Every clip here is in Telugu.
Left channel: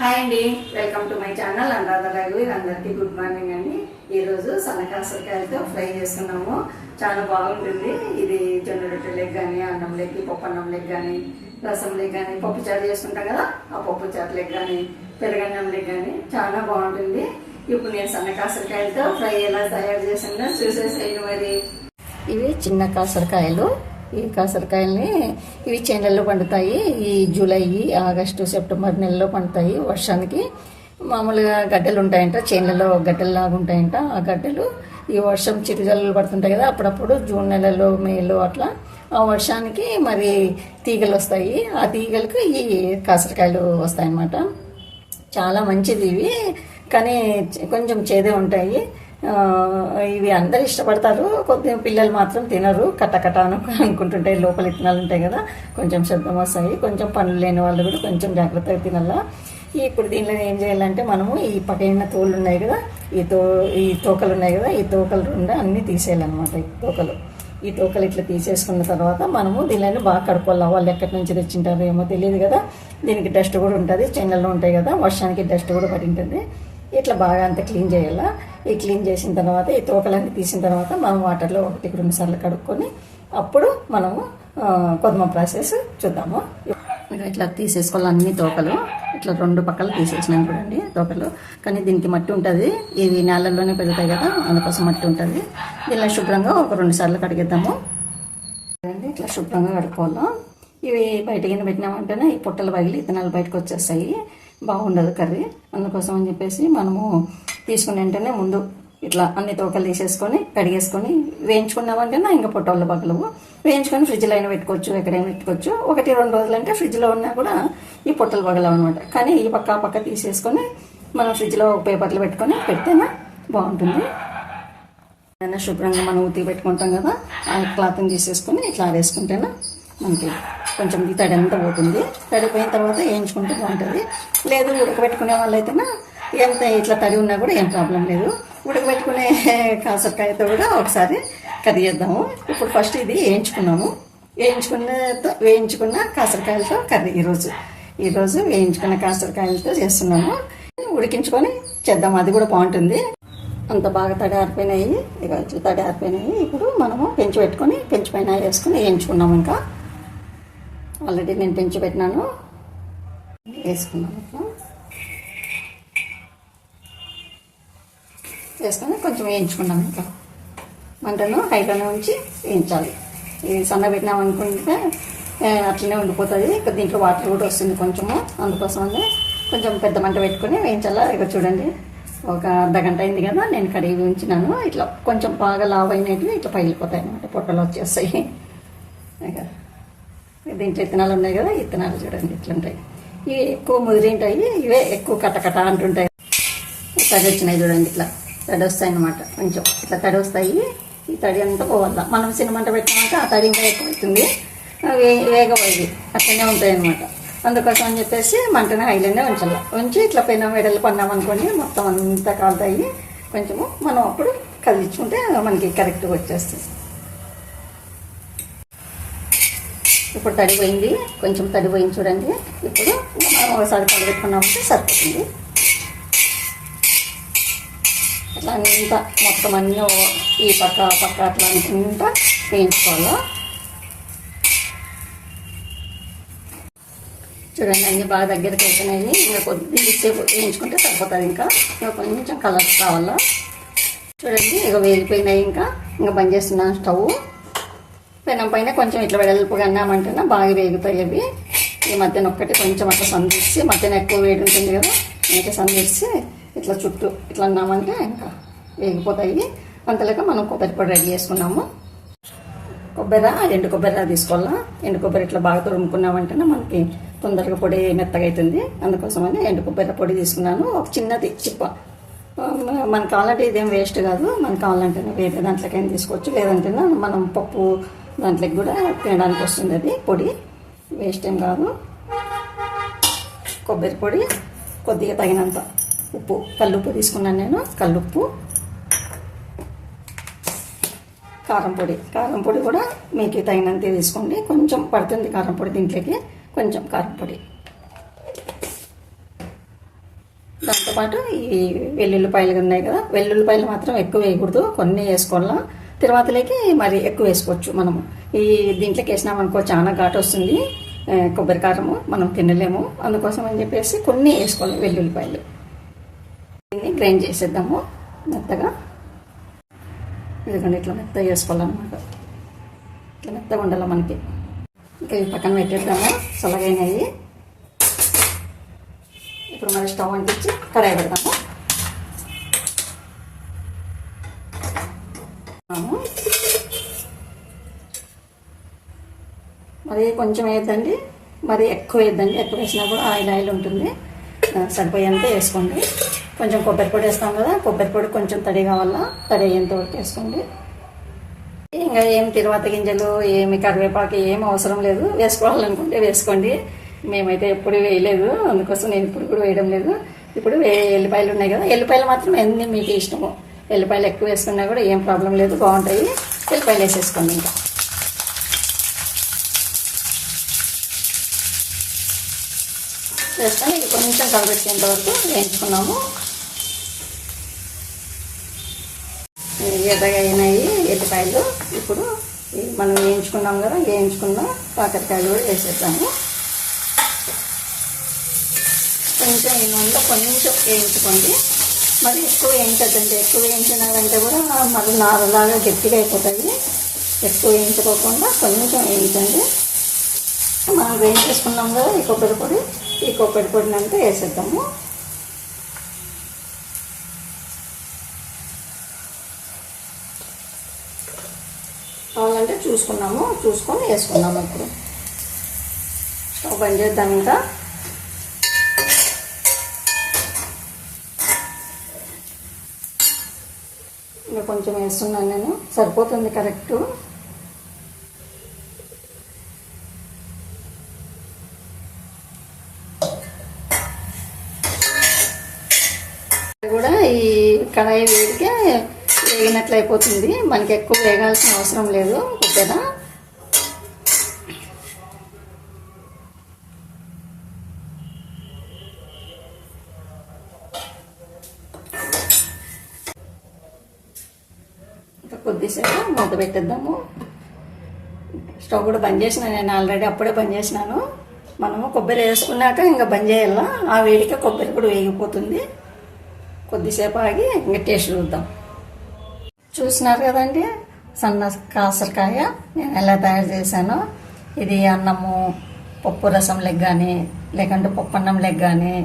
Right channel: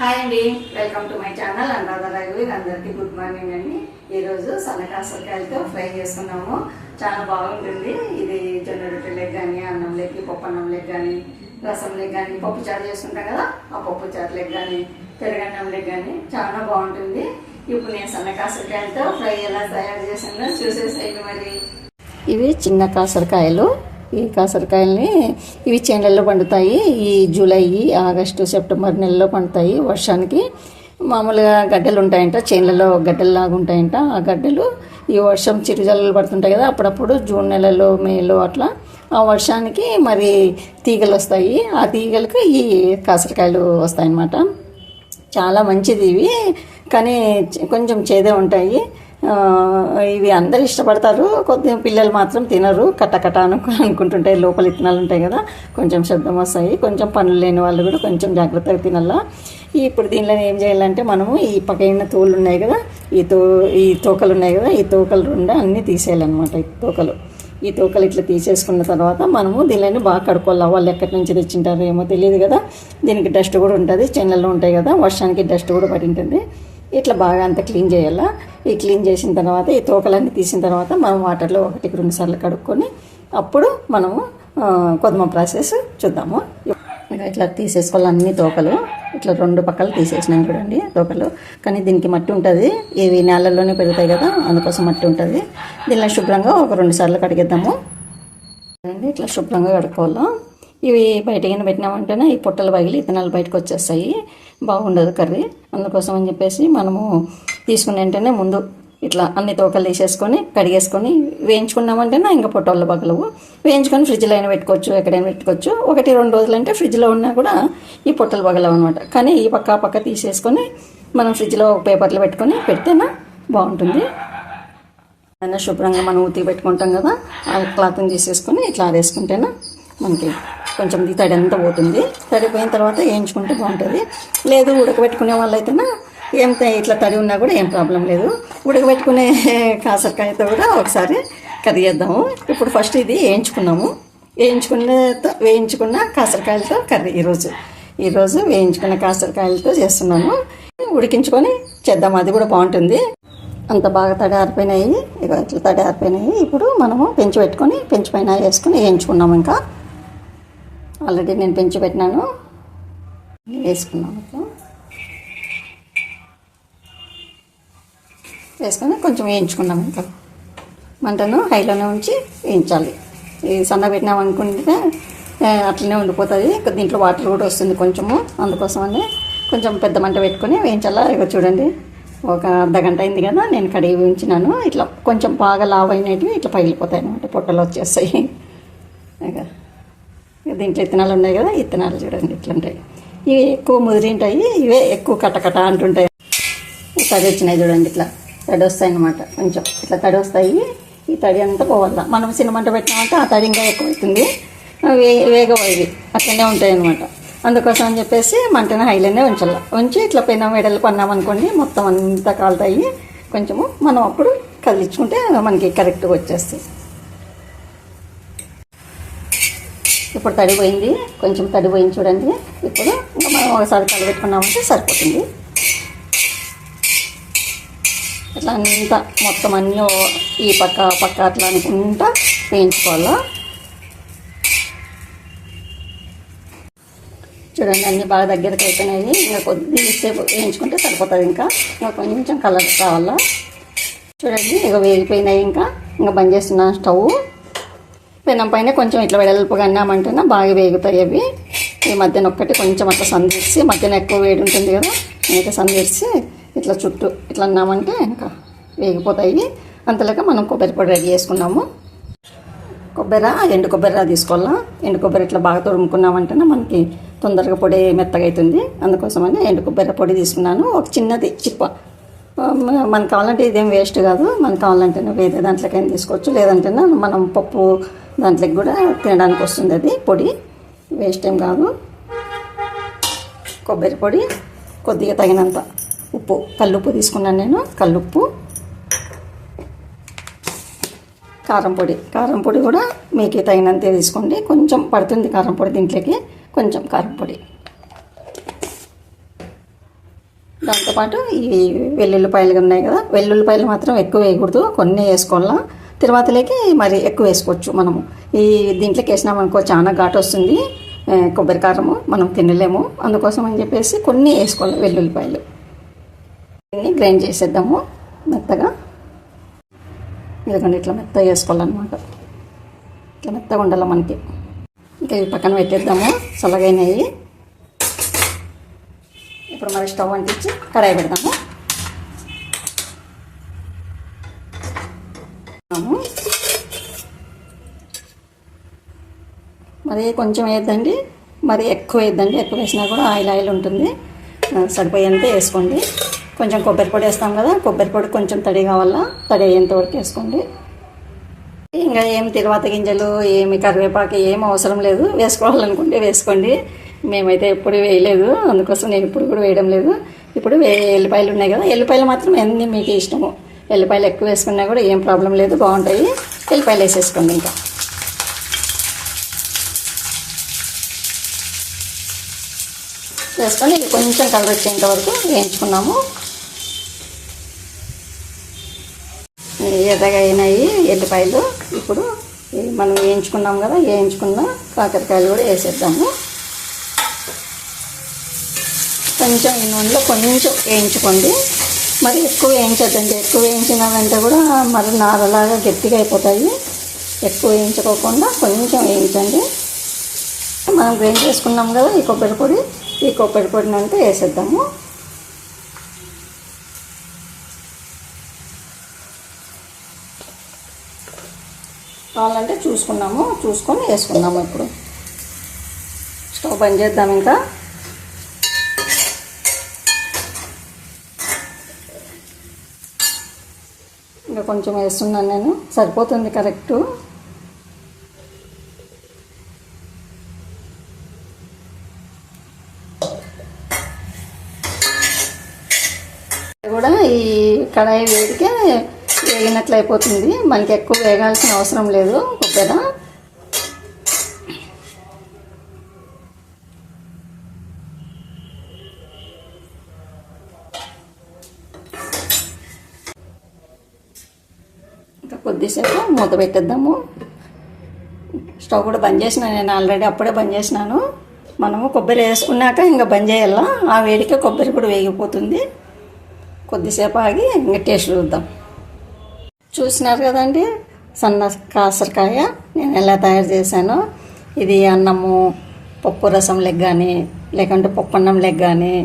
హాయ్ అండి welcome to my channel. Anuradha రఘువీర్ అందరికీ గుడ్ మార్నింగ్ అండి. ఈరోజు సన్నకాసరికాయలతో ఫ్రై చేస్తున్నాము. చాలా బాగుంటుంది. ఇది జొన్న రొట్టెలకు కానీ అన్నం పప్పు అన్నం కానీ రసం కానీ పప్పు చారు చేసుకుంటాం కదా ఆ పప్పు చారు కానీ పెరగన్నం లెక్క కానీ చాలా బాగుంటుంది. ఇప్పుడు నేను సన్నకాసరికాయలతో ఫ్రై ఎలా తయారు చేసిందో చూసేసేయండి మరి. ఇవి చిన్న కాసరకాయలు. ఈ కాసరకాయల్ని ఇవి చేనులలో పండుతాయి. ఈ జూలై ఆగస్టు సెప్టెంబర్ నెలలో పండుతాయి. వర్షానికి మామూలుగా గడ్డలు ఉంటాయంట చేనులలో గడ్డల్లాగా ఉంటాయంట. ఆ గడ్డలు ఈ వర్షం చిరుజల్లలు పడుతుంటాయి కదా అప్పుడప్పుడు జూన్ నెలలో మేలో అట్లా ఆ వర్షానికి మరి తీగలు వస్తాయి. ఆ తీగలకు ఈ కాసరకాయలు వస్తాయన్నమాట. చాలా మంచిది ఇవి కానీ కొంచెం చేదే ఉంటాయి. ఇవి అందరు ఇష్టపడతారు. కొద్ది పిల్లలు మాత్రం తినరు. కట్టకట అను అనుకుంటుంటే లోపల ఇత్తనాలు ఉంటాయి కదా కొంచెం శబ్దం వస్తాయి. కొంచెం పనులు లేని వాళ్ళు కూడా కొంచెం జాగ్రత్తగా తినాలా. ఇప్పుడు దీనిలో ఏం చేయాలంటే మనము ఈ పక్కన తోలు ఉన్నాయి కదా ఈ తో ఈ తోకలు ఉన్నాయి కదా ఈ తోకలు రెండు అన్నీ తీసేయాలన్నమాట ఈ తోకలు. ఈ తోకలు ఇట్లా తీసేసుకున్న తర్వాత మనము దీనిని బాగా కడుక్కోవాలి. వాళ్ళు ఎక్కడి నుంచి తెచ్చింటారో ఏమో తెలియదు కదా. దీనికి డస్ట్ కూడా ఉంటుంది చెన్నెల్లో ఉంటాయి కదా. వర్షానికి డస్ట్ కూడా పడి ఉంటుంది. ఇట్లా బాగా అంతా క్లీన్ చేయాలా? ఈ క్లీన్ చేసిన తర్వాత ఈ తోకలన్నీ తీసిన తర్వాత మనం వాటర్లో ఒకటికి రెండు సార్లు కడుక్కొని అప్పుడు మనము కొద్దిమ ప్రాసెస్ చూద్దాము. ఇట్లా తీసేసుకోవాలి అన్ని తోకలు. ఇట్లా రెండు పక్కలు తీసేసినాను చూడండి తోకలు. కానీ దీనికి మట్టి ఉంటుంది. ఇవి నేలల్లోనే పెరుగుతాయి కదా అందుకోసం మట్టి ఉంటుంది. దీనిలో శుభ్రంగా ఒక రెండు సార్లు కడిగేద్దాము. చూడండి ఇట్లా శుభ్రంగా కడుక్కోవాలి. ఇవి బయటకి పెట్టినామంటేనే ఈ పొట్టలు పగిలి ఇతనాలు బయటకు వచ్చేస్తాయి. బాగుండదు కర్రీ. అందుకోసం అని చెప్పేసి మనము తీసుకుని వెంటనే ముందు ఇట్లా అన్ని తోకలు తీసేసుకొని కడిగేసుకొని వేయించుకున్నామంటేనే ఇంకా పొట్టలు పగలవు వేయించుకొని ఫ్రిడ్జ్లో అయినా పెట్టుకోవచ్చు ఎక్కడైనా పెట్టుకోవచ్చు. ఒకటి రెండు రోజులు అంటే ఫ్రిడ్జ్లో ఉన్నా కూడా ఈ పొట్టలు పగలవు అనమాట కానీ ఈ పక్క పక్క తీసేసుకొని మనం ఫ్రిడ్జ్లో పేపర్లు పెట్టుకొని పెడితేనే బాగుంటుంది. అయినా శుభ్రంగా మనం ఉతికి పెట్టుకుంటాం కదా ఆ క్లాత్ని తీసేసుకొని ఇట్లా ఆరేసుకుంటేనే మనకి కొంచెం ఈ తడి అంతా పోతుంది. తడిపోయిన తర్వాత వేయించుకుంటే బాగుంటుంది. లేదు ఉడకబెట్టుకునే వాళ్ళైతేనా ఎంత ఇట్లా తడి ఉన్నా కూడా ఏం ప్రాబ్లం లేదు. ఉడకబెట్టుకునే కాసరకాయతో కూడా ఒకసారి కర్రీ చేద్దాము ఇప్పుడు ఫస్ట్ ఇది వేయించుకున్నాము. వేయించుకున్న వేయించుకున్న కాసరకాయలతో కర్రీ ఈరోజు ఈరోజు వేయించుకున్న కాసరకాయలతో చేస్తున్నాము. ఉడికించుకొని చేద్దాం అది కూడా బాగుంటుంది. అంత బాగా తడి ఆరిపోయినాయి. ఇక ఇట్లా తడి ఆరిపోయినాయి. ఇప్పుడు మనము పెంచి పెట్టుకొని పెంచి పైన వేసుకొని వేయించుకున్నాము ఇంకా. ఆల్రెడీ నేను పెంచి పెట్టినాను. వేసుకున్నాను ఇట్లా వేసుకొని కొంచెం వేయించుకున్నాం ఇంకా. మంటను హైలోనే ఉంచి వేయించాలి. ఇది సన్న పెట్టినాం అనుకుంటే అట్లనే ఉండిపోతుంది. దీంట్లో వాటర్ కూడా వస్తుంది కొంచెము. అందుకోసమని కొంచెం పెద్ద మంట పెట్టుకొని వేయించాలా? ఇక చూడండి. ఒక అర్ధ గంట అయింది కదా నేను కడిగి వేయించినాను ఇట్లా కొంచెం బాగా లావ్ అయినవి ఇట్లా పగిలిపోతాయి అనమాట పొట్టలు వచ్చేస్తాయి. ఇక దీంట్లో ఇత్తనాలు ఉన్నాయి కదా ఇత్తనాలు చూడండి ఇట్లా ఉంటాయి ఇవి ఎక్కువ ముదిరింటాయి ఇవే ఎక్కువ కటకట అంటుంటాయి. తడి వచ్చినాయి చూడండి ఇట్లా. తడి వస్తాయి అనమాట కొంచెం. ఇట్లా తడి వస్తాయి ఈ తడి అంతా పోవాలి మనం సినిమంట పెట్టినామంటే ఆ తడి ఇంకా ఎక్కువ అవుతుంది అవి ఇవి అట్లనే ఉంటాయి అనమాట అందుకోసం అని చెప్పేసి మంటను హైలోనే ఉంచాలి. ఉంచి ఇట్లా పైన వెడలు పన్నామనుకోండి మొత్తం అంతా కాలుతాయి. కొంచెము మనం అప్పుడు కదిలించుకుంటే మనకి కరెక్ట్గా వచ్చేస్తుంది. ఇప్పుడు తడిపోయింది కొంచెం తడిపోయింది చూడండి. ఇప్పుడు ఇంకా మనం ఒకసారి కలిపెట్టుకున్నామంటే సరిపోతుంది. ఇట్లా అంతా మొత్తం అన్నీ ఈ పక్క పక్క అట్లా అనుకుంటా వేయించుకోవాలా? చూడండి అన్నీ బాగా దగ్గరికి అయిపోయినాయి. ఇంకా కొద్ది సేపు వేయించుకుంటే సరిపోతుంది ఇంకా. ఇంకా కొంచెం కలర్ కావాలా? చూడండి ఇక వేగిపోయినాయి ఇంకా. ఇంకా బంద్ చేస్తున్నాను స్టవ్. పెనం పైన కొంచెం ఇట్లా వెడల్పుగా అన్నామంటున్నా బాగా వేగుతాయి అవి. ఈ మధ్యన ఒక్కటి కొంచెం అట్లా సందిరిచి మధ్యన ఎక్కువ వేడి ఉంటుంది కదా ఇంకా సందిరిచి ఇట్లా చుట్టూ ఇట్లా అన్నామంటే ఇంకా వేగిపోతాయి. అంతలాగా మనం కొబ్బరి పొడి రెడీ చేసుకున్నాము. కొబ్బరి ఎండు కొబ్బరి తీసుకోవాలా? ఎండు కొబ్బరి ఇట్లా బాగా తురుముకున్నామంటేనే మనకి తొందరగా పొడి మెత్తగా అవుతుంది అందుకోసమని ఎండు కొబ్బరి పొడి తీసుకున్నాను. ఒక చిన్నది చిప్ప. మనకు కావాలంటే ఇదేం వేస్ట్ కాదు. మనకు కావాలంటే వేరే దాంట్లోకైనా తీసుకోవచ్చు. లేదంటే మనం పప్పు దాంట్లోకి కూడా తినడానికి వస్తుంది అది పొడి. వేస్ట్ ఏం కాదు. కొబ్బరి పొడి కొద్దిగా తగినంత ఉప్పు కల్లుప్పు తీసుకున్నాను నేను కల్లుప్పు. కారం పొడి. కారం పొడి కూడా మీకు తగినంతే తీసుకోండి. కొంచెం పడుతుంది కారం పొడి దీంట్లోకి కొంచెం కారం పొడి. దాంతోపాటు ఈ వెల్లుల్లిపాయలు ఉన్నాయి కదా వెల్లుల్లిపాయలు మాత్రం ఎక్కువ వేయకూడదు. కొన్ని వేసుకోవాలా? తర్వాతలోకి మరి ఎక్కువ వేసుకోవచ్చు మనము. ఈ దీంట్లోకి వేసినామనుకో చాలా ఘాటు వస్తుంది. కొబ్బరి కారము మనం తినలేము. అందుకోసం అని చెప్పేసి కొన్ని వేసుకోవాలి వెల్లుల్లిపాయలు. దీన్ని గ్రైండ్ చేసేద్దాము మెత్తగా. ఇదిగోండి ఇట్లా మెత్తగా వేసుకోవాలన్నమాట. ఇట్లా మెత్తగా ఉండాలి మనకి. ఇంకా ఈ పక్కన పెట్టేద్దాము చల్లగైనవి ఇప్పుడు మన స్టవ్ అంటించి కడాయి పెడదాము. మరి కొంచెం వేద్దండి మరి ఎక్కువ వేద్దండి ఎక్కువ వేసినా కూడా ఆయిల్ ఆయిల్ ఉంటుంది. సరిపోయేంత వేసుకోండి. కొంచెం కొబ్బరి పొడి వేస్తాం కదా కొబ్బరి పొడి కొంచెం తడి కావాలా? తడి అయ్యేంత వరకు వేసుకోండి. ఇంకా ఏం తిరువాత గింజలు ఏమి కరివేపాకు ఏం అవసరం లేదు. వేసుకోవాలనుకుంటే వేసుకోండి. మేమైతే ఎప్పుడు వేయలేదు. అందుకోసం నేను ఇప్పుడు కూడా వేయడం లేదు. ఇప్పుడు ఎల్లిపాయలు ఉన్నాయి కదా. ఎల్లిపాయలు మాత్రం అన్ని మీకు ఇష్టము. ఎల్లిపాయలు ఎక్కువ వేసుకున్నా కూడా ఏం ప్రాబ్లం లేదు బాగుంటాయి. ఎల్లిపాయలు వేసేసుకోండి ఇంకా. వేసుకొని కొంచెం కలర్ వచ్చేంత వరకు వేయించుకున్నాము. ఎర్రగా అయినాయి ఎల్లిపాయలు. ఇప్పుడు మనం వేయించుకున్నాం కదా వేయించుకున్న కాకరకాయలు కూడా వేసేద్దాము. కొంచెం ఈ నూనెలో కొంచెం వేయించుకోండి. మరి ఎక్కువ వేయించద్దండి ఎక్కువ వేయించినామంటే కూడా మరి నారలాగా గట్టిగా అయిపోతాయి. ఎక్కువ వేయించుకోకుండా కొంచెం వేయించండి. మనం గ్రైండ్ చేసుకున్నాం కదా ఈ కొబ్బరి పొడి. ఈ కొబ్బరి పొడిని అంతా వేసేద్దాము. కావాలంటే చూసుకున్నాము. చూసుకొని వేసుకున్నాము ఇప్పుడు. స్టవ్ బంద్ చేద్దాం ఇంకా. కొంచెం వేస్తున్నాను నేను. సరిపోతుంది కరెక్టు. కూడా ఈ కడాయి వేడికే వేగినట్లు అయిపోతుంది మనకి ఎక్కువ వేగాల్సిన అవసరం లేదు. కొద్దిగా ఇంకా కొద్దిసేపు మూత పెట్టేద్దాము. స్టవ్ కూడా బంద్ చేసిన నేను ఆల్రెడీ అప్పుడే బంద్ చేసినాను. మనము కొబ్బరి వేసుకున్నాక ఇంకా బంద్ చేయాల? ఆ వేడిక కొబ్బరి కూడా వేగిపోతుంది. కొద్దిసేపు ఆగి ఇంకా టేస్ట్ చూద్దాం. చూసినారు కదండి? సన్న కాసరకాయ నేను ఎలా తయారు చేశానో. ఇది అన్నము పప్పు రసం లెగ్ కానీ లేకుంటే పప్పు అన్నం లెగ్ కానీ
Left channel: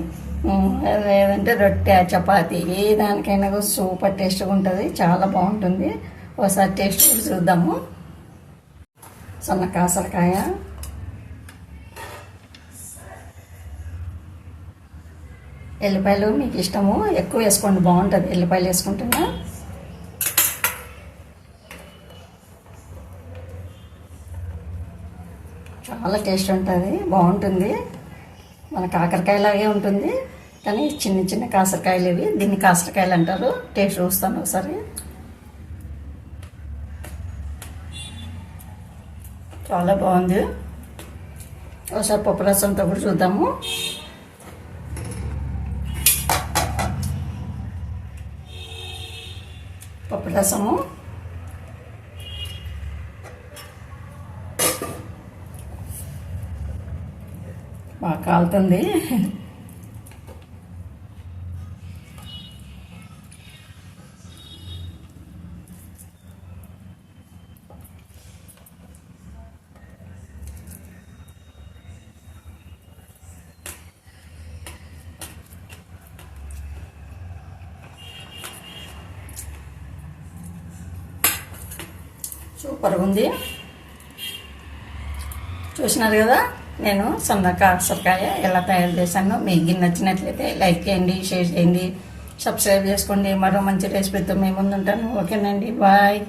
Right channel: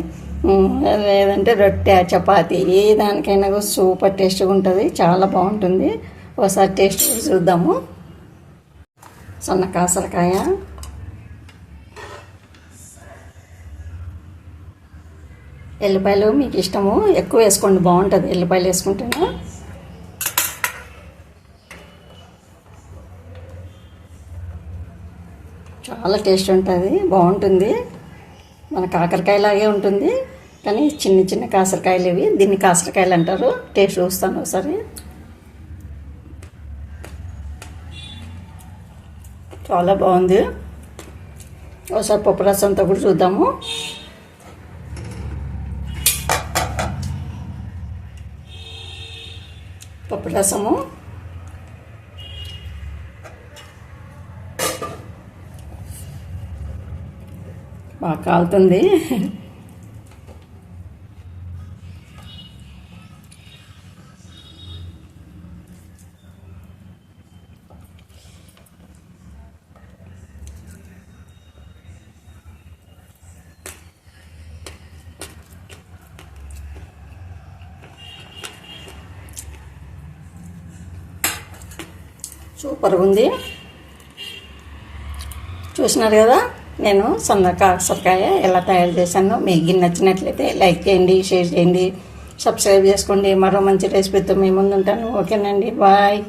లేదంటే రొట్టె చపాతి ఏ దానికైనా కూడా సూపర్ టేస్ట్గా ఉంటుంది. చాలా బాగుంటుంది. ఒకసారి టేస్ట్ కూడా చూద్దాము. సన్న కాసరకాయ ఎల్లిపాయలు మీకు ఇష్టము. ఎక్కువ వేసుకోండి బాగుంటుంది. ఎల్లిపాయలు వేసుకుంటున్నా చాలా టేస్ట్ ఉంటుంది బాగుంటుంది. మన కాకరకాయలాగే ఉంటుంది. కానీ చిన్న చిన్న కాసరకాయలు ఇవి. దీన్ని కాసరకాయలు అంటారు. టేస్ట్ చూస్తాను ఒకసారి. చాలా బాగుంది. ఒకసారి పప్పు రసంతో కూడా చూద్దాము. పప్పు రసము. బాగా కాలుతుంది. సూపర్గా ఉంది. చూసినారు కదా నేను సన్న కాసరకాయ ఎలా తయారు చేశాను. మీకు నచ్చినట్లయితే లైక్ చేయండి షేర్ చేయండి సబ్స్క్రైబ్ చేసుకోండి. మరో మంచి రెసిపీతో మీ ముందు ఉంటాను. ఓకేనండి బాయ్.